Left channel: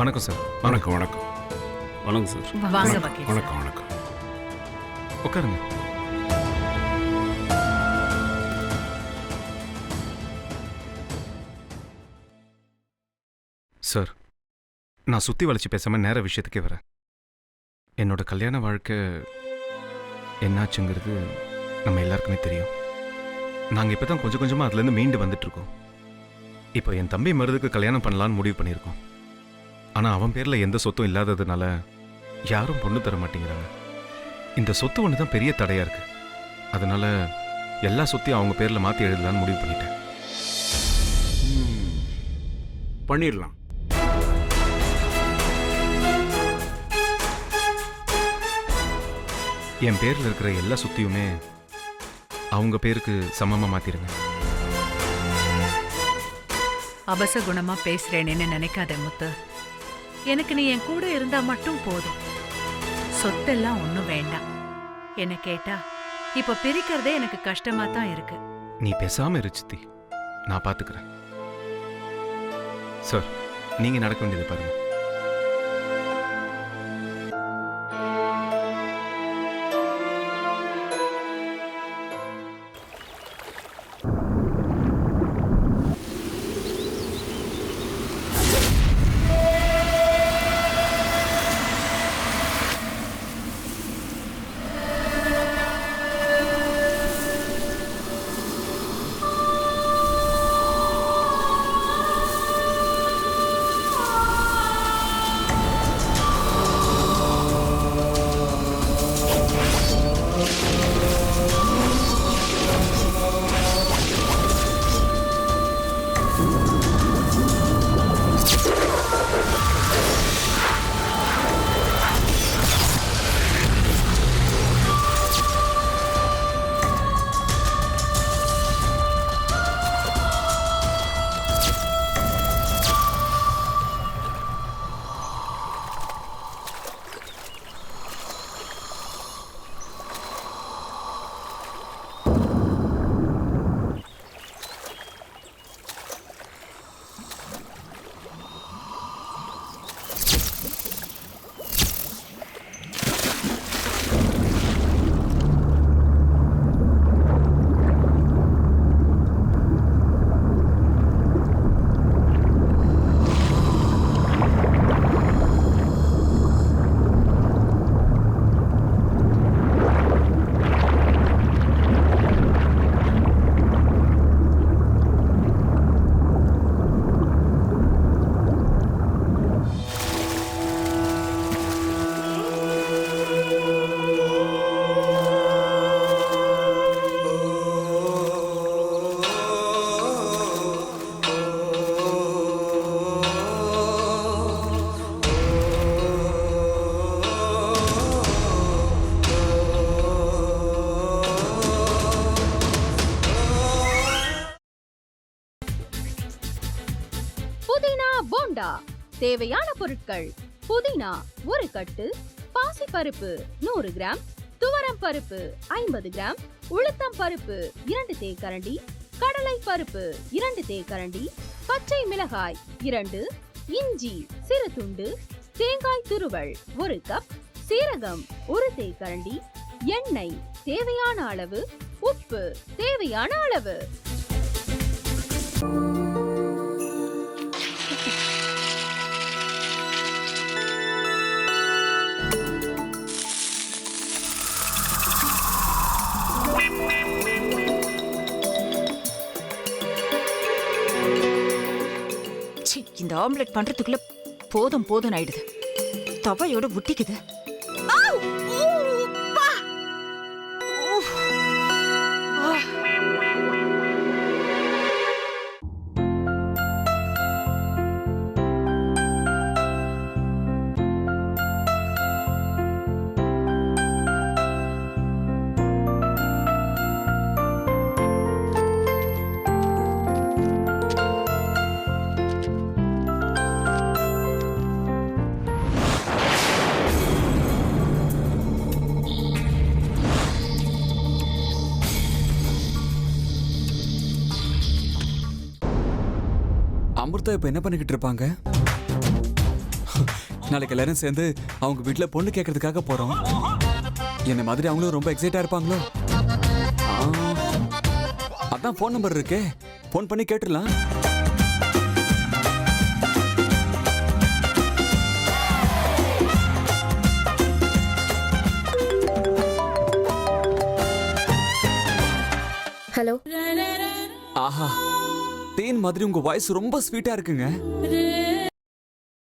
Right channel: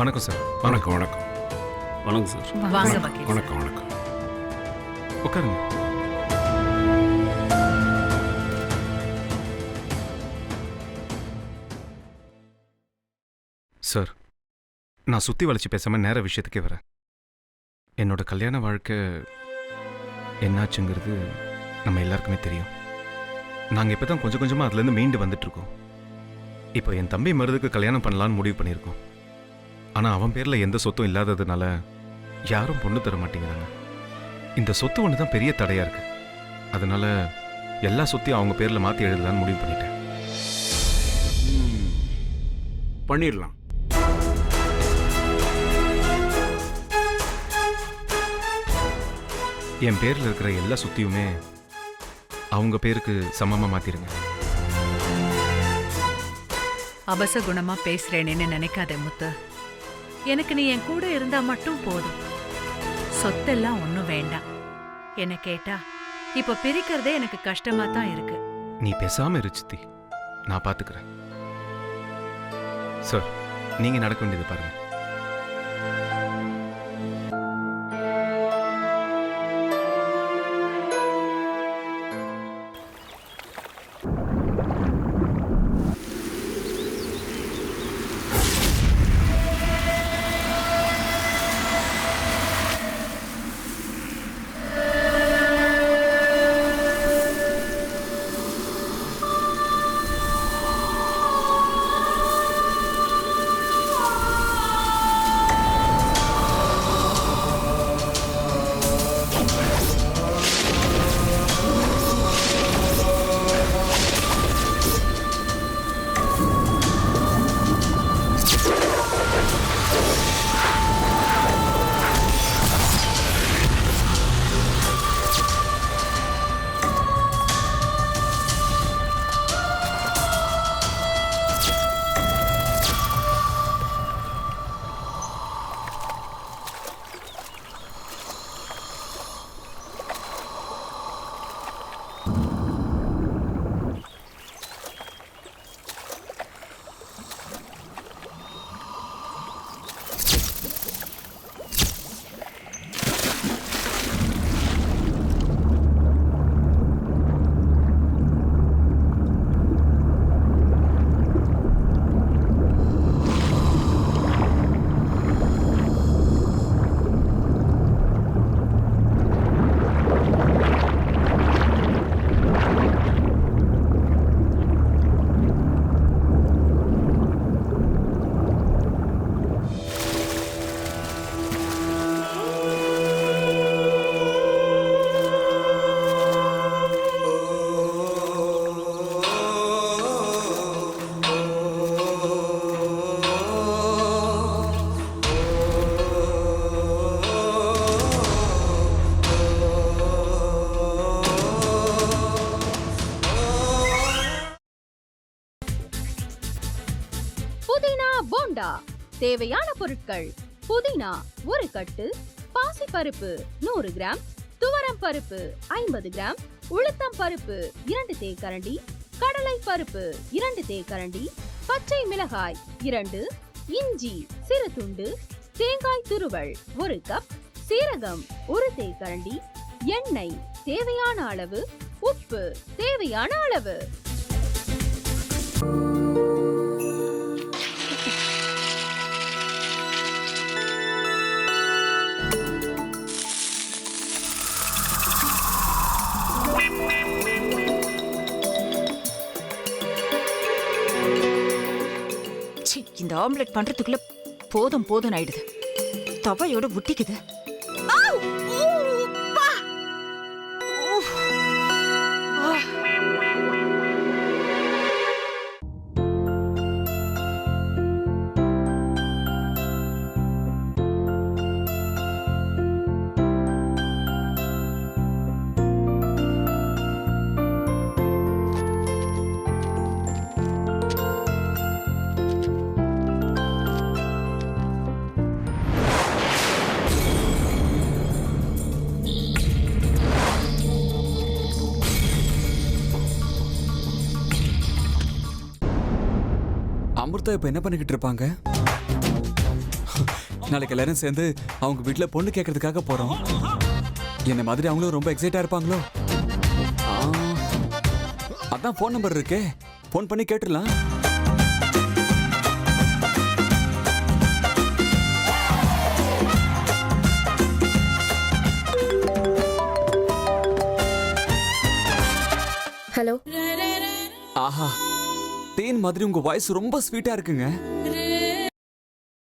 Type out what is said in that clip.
வணக்கம் சார். வணக்கம் வணக்கம் வணக்கம் சார். வாங்க வக்கீல் சார். வணக்கம் வணக்கம். உட்காருங்க. சார், நான் சுத்தி வளைச்சு பேசாம நேர விஷயத்துக்கே வரேன். என்னோட கல்யாண வாழ்க்கை என்னாச்சுங்கிறது நம்ம எல்லாருக்குமே தெரியும். நாங்கள் இப்போ தான் கொஞ்சம் கொஞ்சமாக அதுலேருந்து மீண்டு வந்துட்டு இருக்கோம். இப்போ என் தம்பி மருதுக்கு கல்யாணம் பண்ணலான்னு முடிவு பண்ணியிருக்கோம். ஆனால் அவன் பேரில் எந்த சொத்தும் இல்லாததுனால யாரும் பொண்ணு தர மாட்டேங்கிறாங்க. இந்த சொத்து ஒன்று தான் பெரிய தடையாக இருக்கு. அதனால எல்லா சொத்தையும் அவங்க பேரில் மாற்றி எழுதலான்னு முடிவு பண்ணிட்டேன். பண்ணிடலாம். என் பேரில் இருக்கிற எல்லா சொத்தையுமே அவங்க பேருக்கு சமமாக மாற்றிடுங்க. அபசகுணமா பேசுறேன்னு நினைக்காதே முத்து. எனக்கு நீ என் கூட இருந்தா மட்டும் போதும். சொத்தெல்லாம் ஒன்றும் வேண்டாம். என்ன கேட்டா இப்ப பிரிக்கிறதே எனக்கு கஷ்டமா தான் இருக்கு. நீ பேசாம இரு சித்தி, நான் பார்த்துக்கிறேன். சார், நீங்க நடக்க வேண்டியது பாருங்க. போண்டா தேவையான பொருட்கள்: புதினா 1 கட்டு, பாசிப்பருப்பு 100 கிராம், துவரம் பருப்பு 50 கிராம், உளுத்தம் பருப்பு 2 தேக்கரண்டி, கடலை பருப்பு 2 தேக்கரண்டி, பச்சை மிளகாய் 2, இஞ்சி சிறு துண்டு, தேங்காய் துருவல் 1 கப், சீரகம் 1 தேக்கரண்டி, எண்ணெய் தேவையான அளவு, உப்பு தேவையான அளவு. இந்த ஆம்லெட் பண்றதுக்குள்ள போதும் போதும் ஆயிடுது. தவையோட ஒட்டிக்குது. அமிர்தா இப்ப என்ன பண்ணிக்கிட்டு இருப்பாங்க? நாளைக்கு எல்லாரும் சேர்ந்து அவங்க வீட்ல பொண்ணு கேட்கறதுக்காக போறோம். என்ன மாதிரி அவங்களும் ரொம்ப எக்ஸைட்டா இருப்பாங்களோ. அதான் ஃபோன் நம்பர் இருக்கே, ஃபோன் பண்ணி கேட்டுடலாம். ஹலோ. ஆஹா, தேன் மாதிரி உங்க வாய்ஸ் ரொம்ப ஸ்வீட்டா இருக்குங்க.